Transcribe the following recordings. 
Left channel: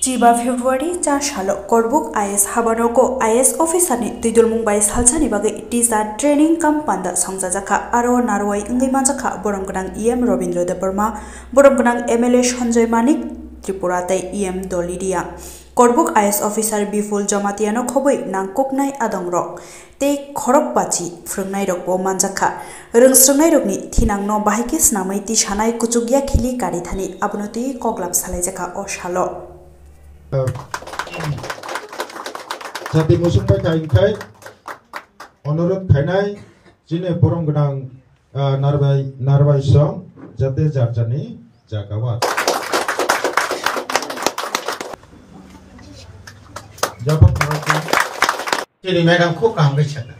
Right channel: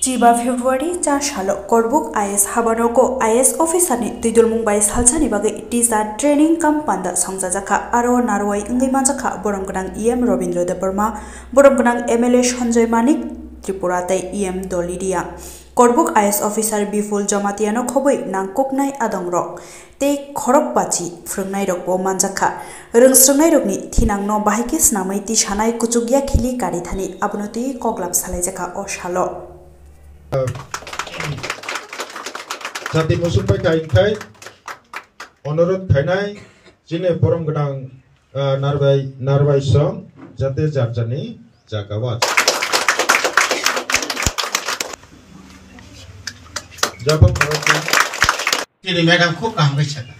Jiba February cha shalo korbuk IS habanoko IS officer ni tuidul mumbai salchani bagai tisa training camp panda songjajaka aro narwai ngai manjaka boromgonang EM Robindra Debarma boromgonang MLA Sanjay Manik Tripura tai EM Dolidia korbuk IS officer Biful Jamatiano khoboi nangkoknai adongrok tei khorok pachi frungnai rok bo manjaka rungsrungnai rokni thinangno bahike snamai ti sanai kuchugya khili kari thani abunoti koglap salaijaka o shalo Jati musumpai kain kai, onorot kainai, jine borong gedang narbai song, jate jarjani jagawat. Jabab berarti. Jadi madam kok kamgai cakap.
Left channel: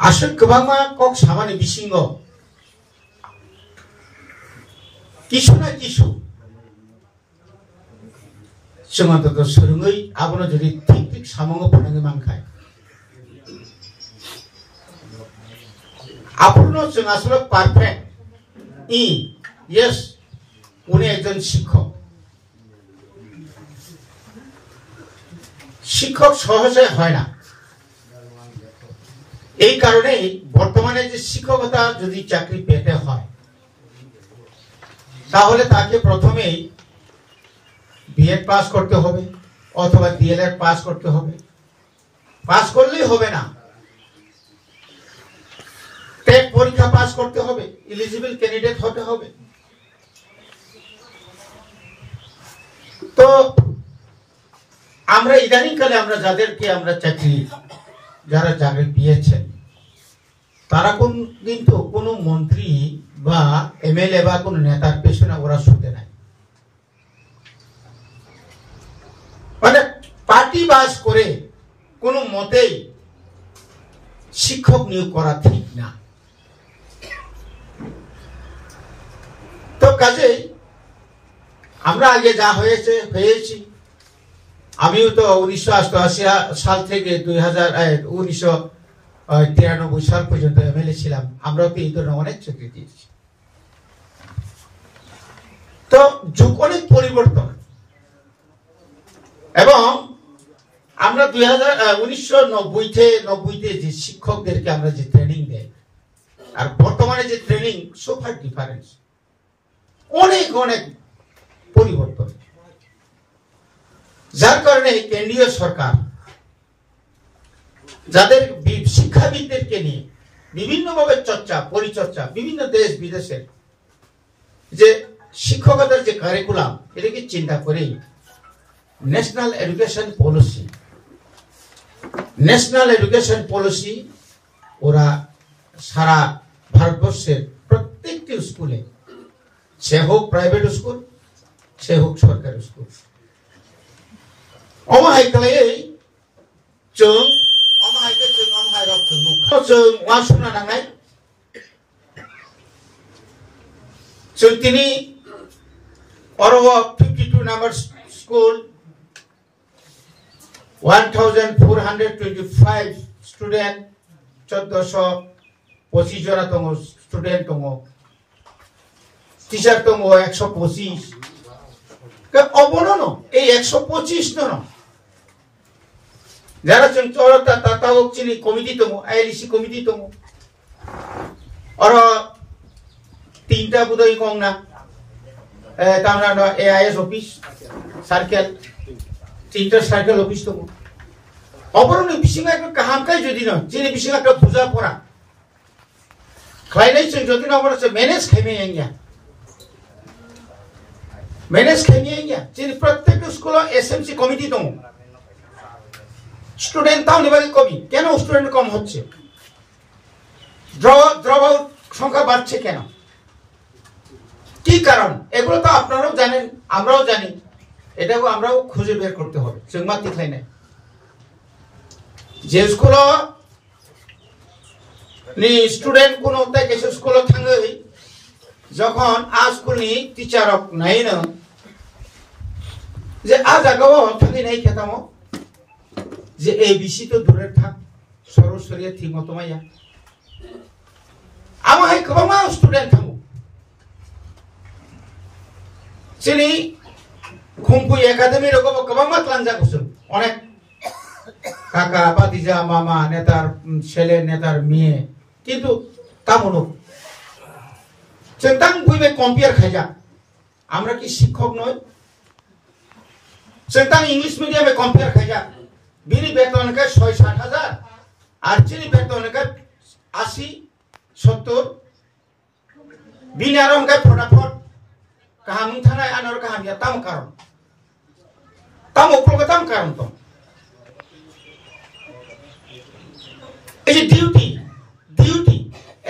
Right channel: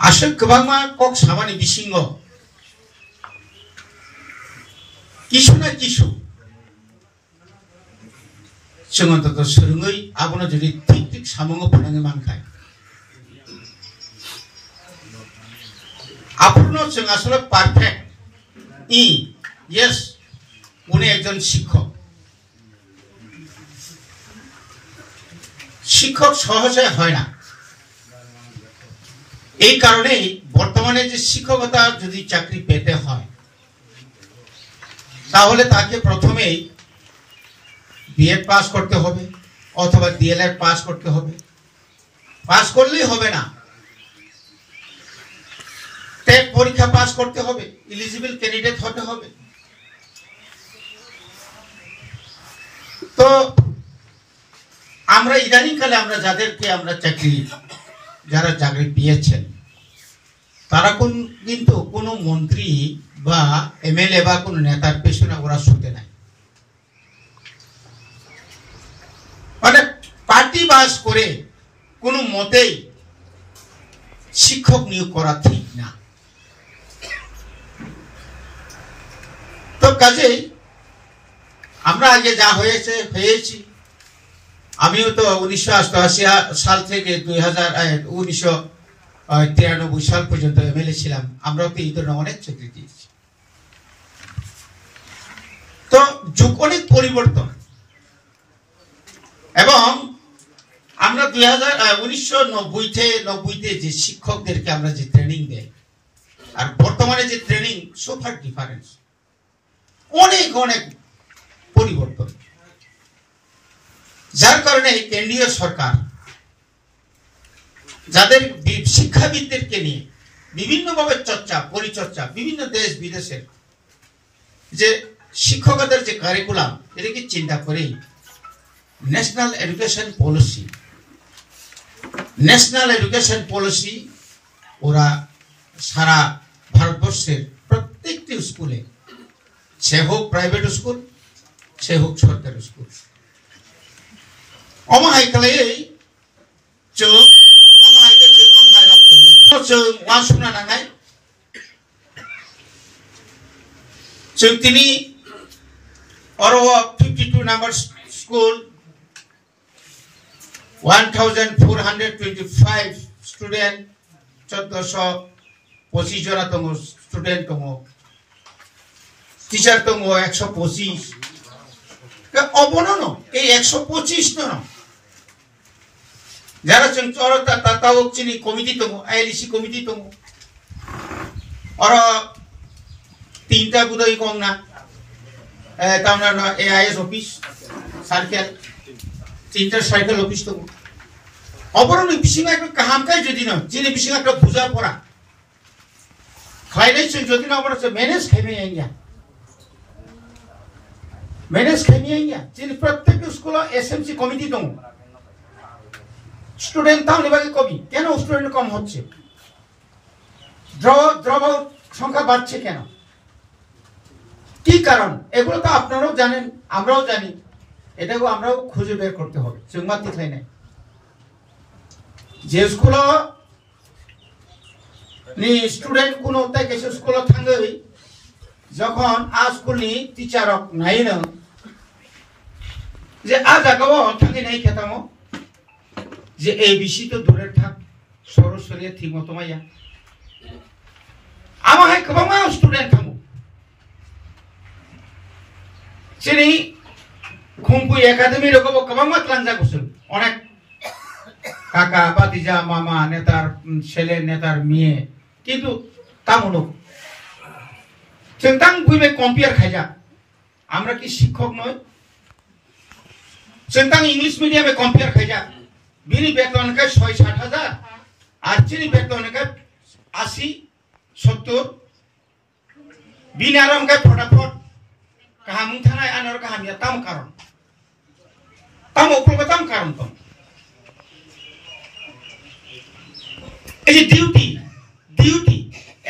Asal kebama kok sama ni bisingo. Kisu na kisu. Jangan terus serungai, abang nak jadi tik samongo penanya mangkai. Abang nak jangan asal perfect. Yes, unih ekজন শিক্ষক শিক্ষক সহজে হয় না এই কারণে বর্তমানে যে শিক্ষকতা যদি চাকরি পেতে হয় তাহলে তাকে প্রথমেই বিএড পাস করতে হবে অথবা ডিএলএড পাস করতে হবে পাস করলেই হবে না টেট পরীক্ষা পাস করতে হবে এলিজিবল ক্যান্ডিডেট হতে হবে তো আমরা ইদানিংকালে আমরা যাদেরকে আমরা যারা চাকরি পেয়েছেন তারা কিন্তু কোনো মন্ত্রী বা এমএলএ বা কোনো নেতার পেছনে ওরা ছুটে নাই মানে পার্টি বাস করে কোনো মতেই শিক্ষক নিয়োগ করা ঠিক না তো কাজেই আমরা আগে যা হয়েছি আমিও তো 1988 সাল থেকে 1993 সাল পর্যন্ত এমএলএ ছিলাম আমরাও তো এই ধরনের অনেক চাকরি দিয়েছি তো যুগ অনেক পরিবর্তন এবং আমরা 1990 যে শিক্ষকদেরকে আমরা যে ট্রেনিং দেই আর বর্তমানে যে ট্রেনিং সুপার ডিফারেন্স অনেক অনেক পরিবর্তন যার কারণে কেন্দ্রীয় সরকার যাদের শিক্ষাবিদদেরকে নিয়ে বিভিন্নভাবে পরিচর্চা বিভিন্ন দেশ বিদেশের যে শিক্ষকতার যে কারিকুলাম এটাকে চিন্তা করেই ন্যাশনাল এডুকেশন পলিসি ওরা সারা ভারতবর্ষের প্রত্যেকটি স্কুলে সে হোক প্রাইভেট স্কুল সে হোক সরকারি স্কুল অমাহাইকালে जों অমাহাইকে जों অমাহাইরাव जों ওয়াসুনা নাঙাই जों তিনি অরও 52 নাম্বার স্কুল 1425 স্টুডেন্ট 1425 জন দङ স্টুডেন্ট দङ টিচার দङ 125 কে অবনন এই 125 নন যারা চরতা তাতাওকচিনি কমিটি দङ আইএলসি কমিটি দङ অর তিনটা বুদই কংনা তামনা এআইএস অফিস সার্কেল তিনটা সার্কেল অফিস দङ অবরণ বিসিঙা একটা কাহামকাই যদি না যিনি বিসিঙা একটা বুঝা পড়া খাইলাই যদি না আমরা ম্যানেজ খাইমেইয়া যিনি প্রত্যেক স্কুলে এসএমসি কমিটি দङ স্টুডেন্ট তাও নিবাগে কবি কেন স্টুডেন্ট কম হচ্ছে ড্রপ আউট সংখ্যা বাড়ছে কেন কি কারণ এগুলো তো আপনারাও জানেন আমরাও জানি এটাও আমরাও খুঁজে বের করতে হবে जोंमा तिखलायनाय যে স্কুল নি স্টুডেন্ট কোনো তাই কিছু স্কুলে থাঙ্গৈ যখন আ স্কুলনি টিচারক নাইনো যে আ জায়গাও থাকি নাই খেতামো যে এবিসি তো দূরে থাক সরস্বতী ঠিক মতো মাইয়া আমার গোबां স্টুডেন্ট থামো যিনি खुंखु एकाडेमी रखो कबां मतलां जागुसुं अनेक काका पातिजा मामा नेतार सेले नेतार मिये किन्तु तामुनो जों तां बुइबे कम्पेयार खायजा আমরা কি শিক্ষক নই जों तां इंग्लिश मीडियम कम्पेयार खायजा बिनि बेतन का 6-7 हजार আর চিনি বেতন का 80-70 बिनि आरम का फटाफट কাহাম থানায় আনর কাহাম ইয়া তাম কারণ তাম উপর তাম কারণ তো এই duty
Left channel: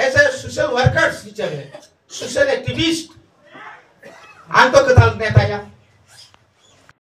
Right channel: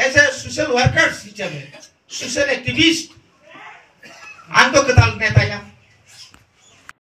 as a social worker হিসেবে সোশ্যাল অ্যাক্টিভিস্ট